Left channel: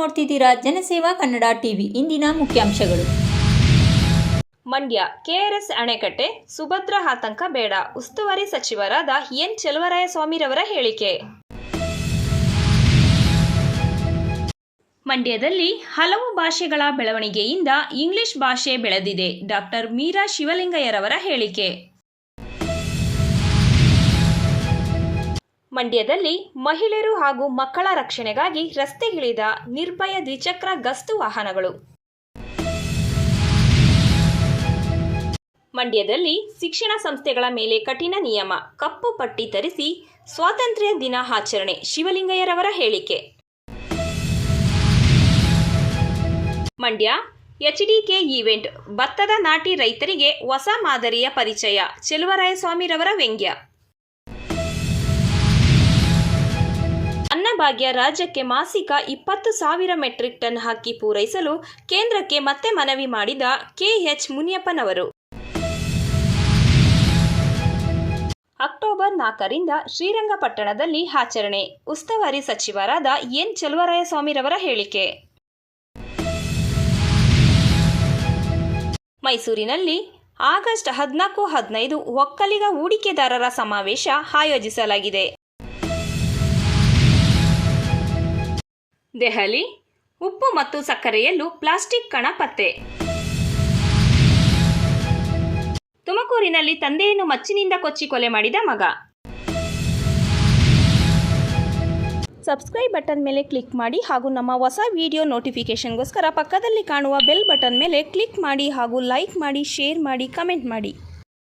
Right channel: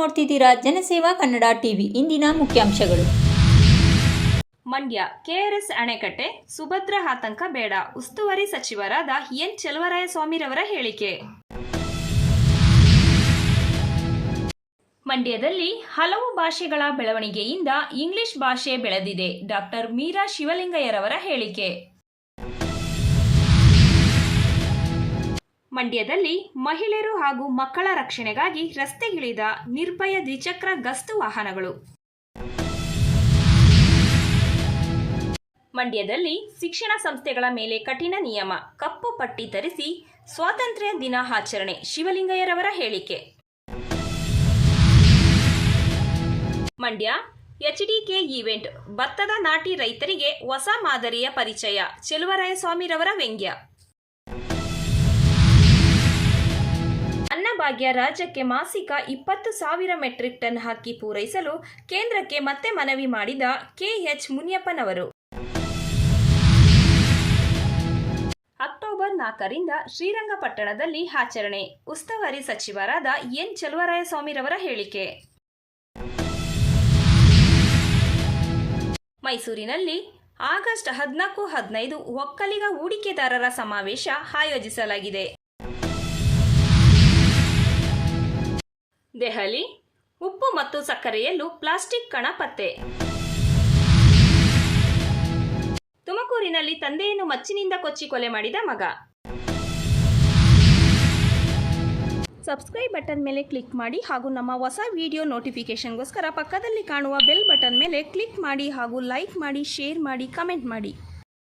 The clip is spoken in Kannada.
ನೋಡ್ತಿದ್ದೀರಾ ಜನಸೇವಾ ಕನ್ನಡ ಟಿವಿ. ಇಂದಿನ ಮುಖ್ಯಾಂಶಗಳು. ಮಂಡ್ಯ ಕೆಆರ್ಎಸ್ ಅಣೆಕಟ್ಟೆ ಸುಭದ್ರ ಆತಂಕ ಬೇಡ, ಉಸ್ತುವಾರಿ ಸಚಿವರಾದ ಎನ್ ಚೆಲುವರಾಯಸ್ವಾಮಿರವರ ಹೇಳಿಕೆ. ಮಂಡ್ಯದಲ್ಲಿ ಹಲವು ಭಾಷೆಗಳ ಬೆಳವಣಿಗೆಯಿಂದ ಇಂಗ್ಲಿಷ್ ಭಾಷೆ ಬೆಳೆದಿದೆ. ಡಾಕ್ಟರ್ ಮೀರಾ ಶಿವಲಿಂಗಯ್ಯರವರ ಹೇಳಿಕೆ. ಮಂಡ್ಯದಲ್ಲಿ ಮಹಿಳೆಯರು ಹಾಗೂ ಮಕ್ಕಳ ರಕ್ಷಣೆಗಾಗಿ ರಸ್ತೆಗಿಳಿದ ನಿರ್ಭಯ ದ್ವಿಚಕ್ರ ಗಸ್ತು ವಾಹನಗಳು. ಮಂಡ್ಯದಲ್ಲಿ ಶಿಕ್ಷಣ ಸಂಸ್ಥೆಗಳ ಮೇಲೆ ಕಠಿಣ ನಿಯಮ, ಕಪ್ಪು ಪಟ್ಟಿ ತರಿಸಿ ಸ್ವಾತಂತ್ರ್ಯ ದಿನ ಆಚರಣೆ. ಶಿವಲಿಂಗಯ್ಯರವರ ಹೇಳಿಕೆ. ಮಂಡ್ಯ ಎಚ್ಡಿಕೆ ಈವೆಂಟ್, ಭತ್ತದ ನಾಟಿ ರೈತರಿಗೆ ಹೊಸ ಮಾದರಿಯ ಪರಿಚಯ. ಚೆಲುವರಾಯಸ್ವಾಮಿರವರ ವ್ಯಂಗ್ಯ. ಅನ್ನಭಾಗ್ಯ ರಾಜ್ಯಕ್ಕೆ ಮಾಸಿಕ 20,000 ಮೆಟ್ರಿಕ್ ಟನ್ ಅಕ್ಕಿ ಪೂರೈಸಲು ಕೇಂದ್ರಕ್ಕೆ ಮತ್ತೆ ಮನವಿ ಮಾಡಿದ ಕೆಎಚ್ ಮುನಿಯಪ್ಪನವರು. ಅಕ್ಟೋಬರ್ 4ರಿಂದ ಶ್ರೀರಂಗಪಟ್ಟಣದಲ್ಲಿ ಆಚರಣೆ. ಉಸ್ತುವಾರಿ ಸಚಿವರಾದ ಎನ್ ಚೆಲುವರಾಯಸ್ವಾಮಿರವರ ಹೇಳಿಕೆ. ಮೈಸೂರಿನಲ್ಲಿ ಆಗಸ್ಟ್ 14-15 ಒಕ್ಕಲಿಗ ಹೂಡಿಕೆದಾರರ ಸಮಾವೇಶ ಆಯೋಜಿಸಲಾಗಿದೆ. ದೆಹಲಿ ಉಪ್ಪು ಮತ್ತು ಸಕ್ಕರೆಯಲ್ಲೂ ಪ್ಲಾಸ್ಟಿಕ್ ಕಣ ಪತ್ತೆ. ತುಮಕೂರಿನಲ್ಲಿ ತಂದೆಯನ್ನು ಮಚ್ಚಿನಿಂದ ಕೊಚ್ಚಿ ಕೊಲೆ ಮಾಡಿದ ಮಗ. ಸಬ್ಸ್ಕ್ರೈಬ್ ಬಟನ್ ಮೇಲೆ ಕ್ಲಿಕ್ ಮಾಡಿ ಹಾಗೂ ನಮ್ಮ ಹೊಸ ವಿಡಿಯೋ ನೋಟಿಫಿಕೇಷನ್ಗೋಸ್ಕರ ಪಕ್ಕದಲ್ಲಿ ಕಾಣುವ ಬೆಲ್ ಬಟನ್ ಮೇಲೆ ಕ್ಲಿಕ್ ಮಾಡಿ ಹಾಗೂ ಲೈಕ್ ಮಾಡಿ, ಶೇರ್ ಮಾಡಿ, ಕಮೆಂಟ್ ಮಾಡಿ.